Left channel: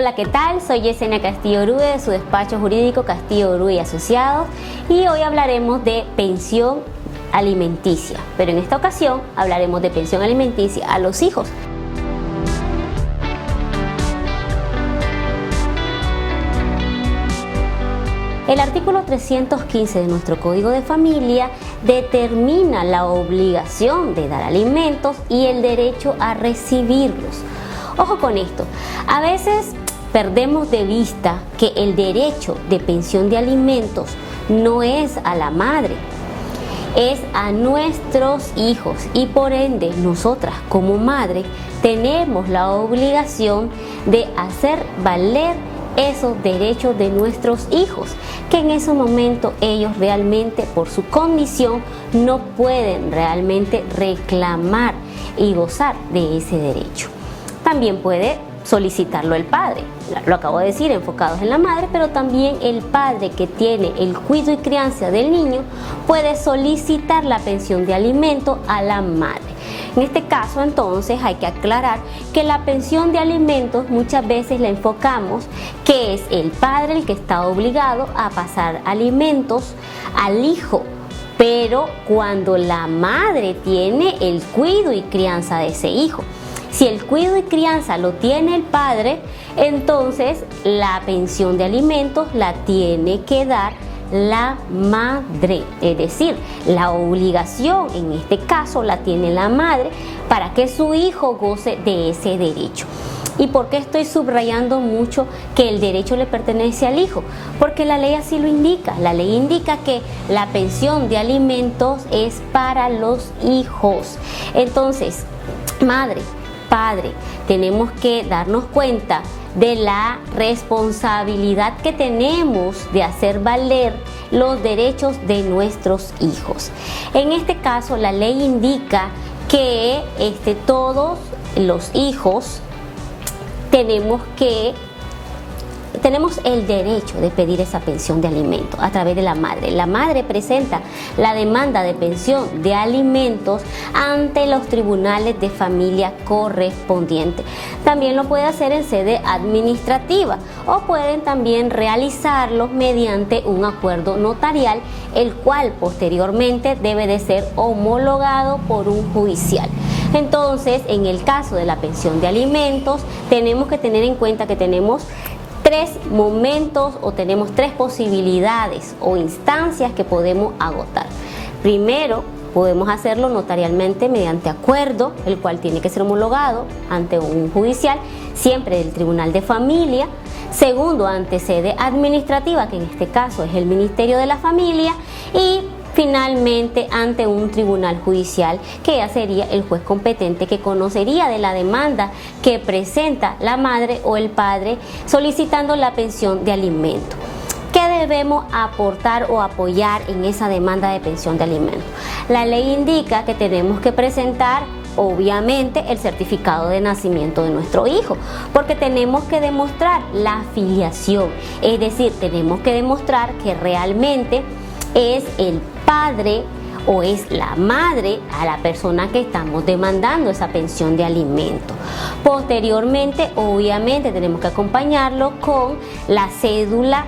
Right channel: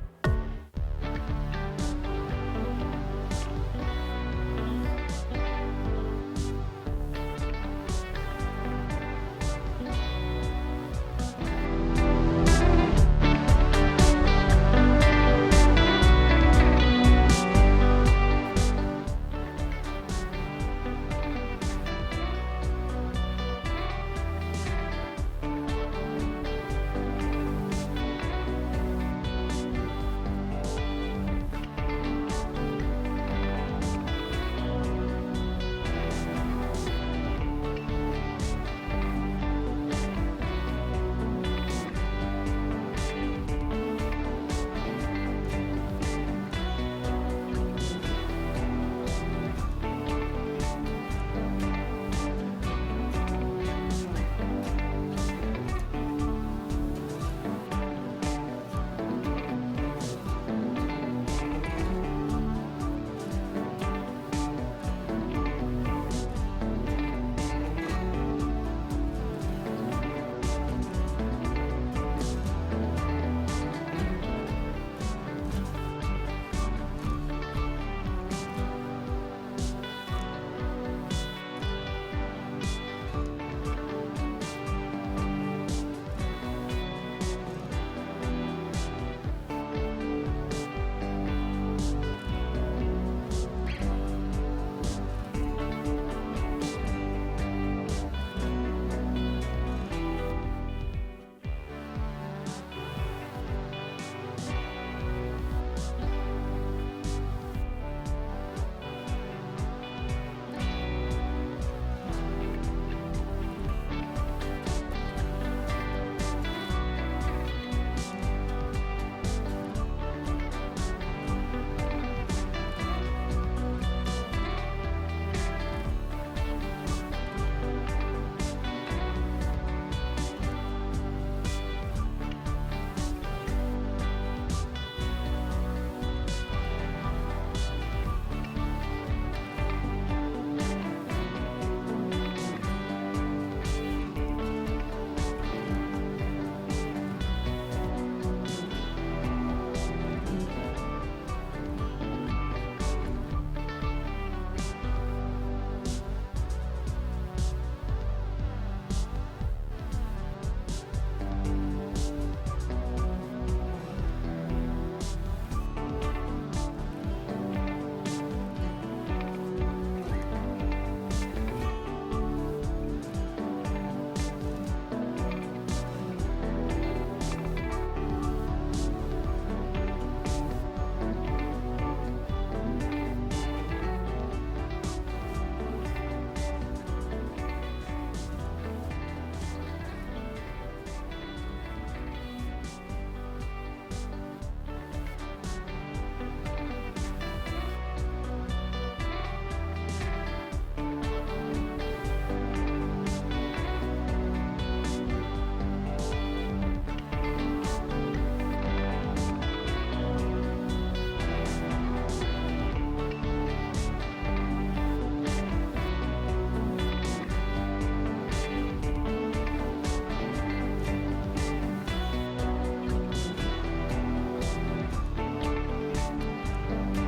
Hola, ¿qué tal? Soy Yesenia Castillo Orue de su despacho jurídico Castillo Orue y Asociados, y hoy hablaremos de pensión alimenticia, pero en esta ocasión hablaremos de pensión alimenticia a los hijos. El artículo 315 de nuestro Código de Familia determina la obligación de dar alimentos y el derecho a recibirlos. Ojo con esto, a veces perdemos de vista que el derecho de pensión de alimentos no es a la madre, es a nuestros hijos, y por ende nosotras como madre tenemos la obligación de hacer valer esos derechos de nuestros hijos, que en ese momento ellos realmente por su condición no pueden realmente reclamar y gozar de ese derecho. También puede solicitarlo el padre, lo acabo de decir, enfocados en la madre, pero también el padre que tiene el cuidado y crianza del niño puede solicitar la pensión de alimento a la madre. En este caso, entonces, hay que aclarar que la pensión de alimentos muchas veces la enfocamos que es el padre el que está obligado a pasar alimentos al hijo, pero cuando la madre tiene el cuidado y crianza de ese hijo. Si el cuidado y crianza lo tiene el padre, entonces la pensión de alimentos la tiene que dar la madre, es decir, la obligación en este caso la tiene la madre para que su hijo goce de ese derecho. ¿Y por qué estoy subrayando mucho que el derecho le pertenece al hijo? Porque la ley así lo indica. La ley indica que la pensión de alimentos es para los hijos. Entonces, madre, padre, tenemos que darnos cuenta de la responsabilidad que tenemos de hacer valer los derechos de nuestros hijos. En este caso, la ley indica que todos los hijos tenemos el derecho de pedir esa pensión de alimentos a través de la madre. La madre presenta la demanda de pensión de alimentos ante los tribunales de familia correspondientes. También lo puede hacer en sede administrativa o pueden también realizarlo mediante un acuerdo notarial, el cual posteriormente debe de ser homologado por un judicial. Entonces, en el caso de la pensión de alimentos, tenemos que tener en cuenta que tenemos tres momentos o tenemos tres posibilidades o instancias que podemos agotar. Primero, podemos hacerlo notarialmente mediante acuerdo, el cual tiene que ser homologado ante un judicial, siempre del Tribunal de Familia. Segundo, ante sede administrativa, que en este caso es el Ministerio de la Familia. Y finalmente ante un tribunal judicial, que ya sería el juez competente que conocería de la demanda que presenta la madre o el padre solicitando la pensión de alimento. ¿Qué debemos aportar o apoyar en esa demanda de pensión de alimento? La ley indica que tenemos que presentar obviamente el certificado de nacimiento de nuestro hijo, porque tenemos que demostrar la filiación, es decir, tenemos que demostrar que realmente es el padre o es la madre a la persona que estamos demandando esa pensión de alimento. Posteriormente, obviamente, tenemos que acompañarlo con la cédula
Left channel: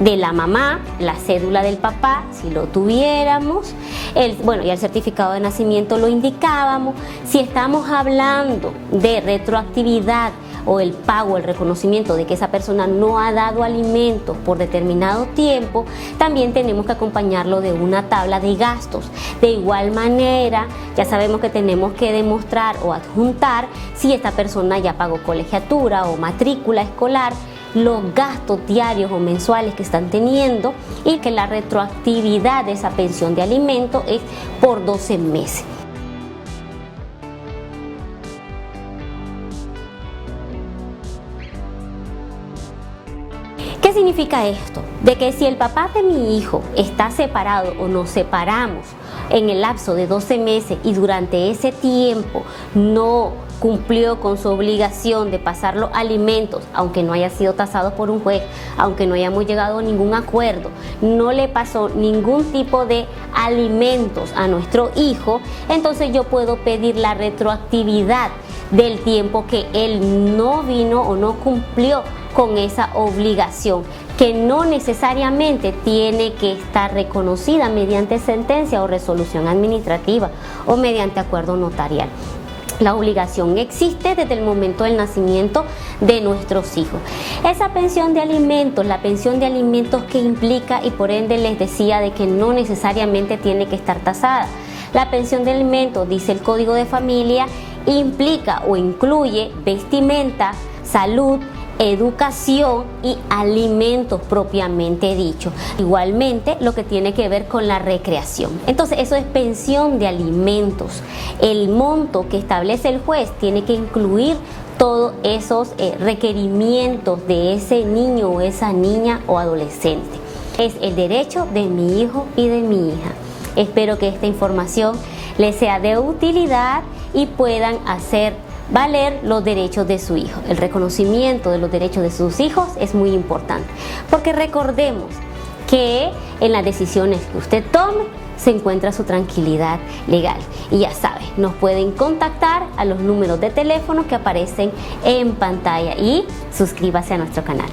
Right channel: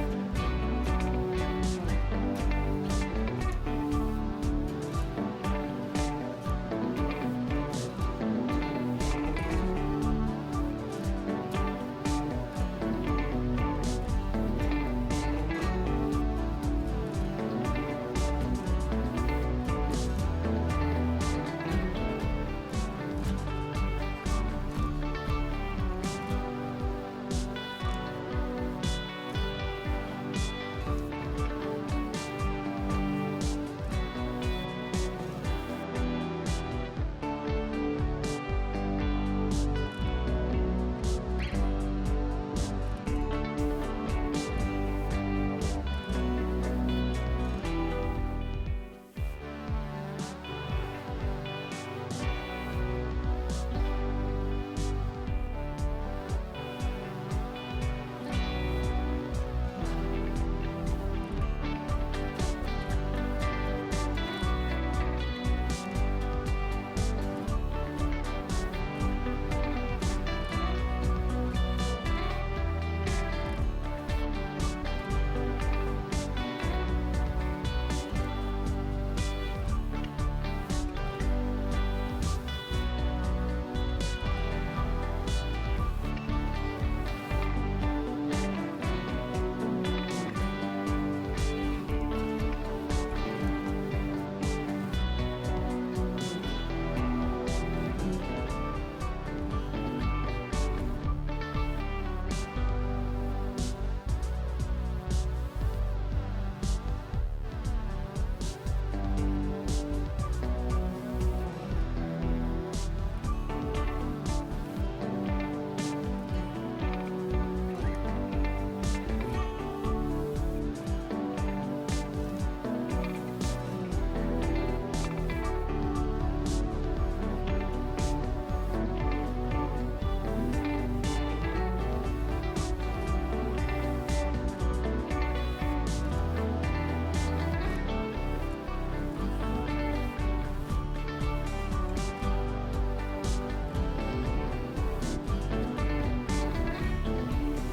de la mamá, la cédula del papá, si lo tuviéramos, y el certificado de nacimiento lo indicábamos. Si estamos hablando de retroactividad o el pago, el reconocimiento de que esa persona no ha dado alimentos por determinado tiempo, también tenemos que acompañarlo de una tabla de gastos. De igual manera, ya sabemos que tenemos que demostrar o adjuntar si esta persona ya pagó colegiatura o matrícula escolar, los gastos diarios o mensuales que están teniendo, y que la retroactividad de esa pensión de alimento es por 12 meses. ¿Qué significa esto? De que si el papá de mi hijo está separado o nos separamos en el lapso de 12 meses y durante ese tiempo no cumplió con su obligación de pasar los alimentos, aunque no haya sido tasado por un juez, aunque no hayamos llegado a ningún acuerdo, no le pasó ningún tipo de alimentos a nuestro hijo, entonces yo puedo pedir la retroactividad del tiempo que él no vino o no cumplió con esa obligación, que no necesariamente tiene que estar reconocida mediante sentencia o resolución administrativa o mediante acuerdo notarial. La obligación existe desde el momento del nacimiento de nuestros hijos. Esa pensión de alimentos, la pensión de alimentos que implica, y por ende les decía de que no necesariamente tiene que estar tasada. La pensión de alimentos, dice el Código de Familia, implica o incluye vestimenta, salud, educación y alimentos propiamente dicho. Igualmente lo que tiene que ver con la recreación. Entonces eso es pensión de alimentos. El monto que establece el juez tiene que incluir todos esos requerimientos de ese niño o esa niña o adolescente. Es el derecho de mi hijo y de mi hija. Espero que esta información les sea de utilidad y puedan hacer valer los derechos de su hijo. El reconocimiento de los derechos de sus hijos es muy importante, porque recordemos que en las decisiones que usted tome se encuentra su tranquilidad legal. Y ya saben, nos pueden contactar a los números de teléfono que aparecen en pantalla y suscríbase a nuestro canal.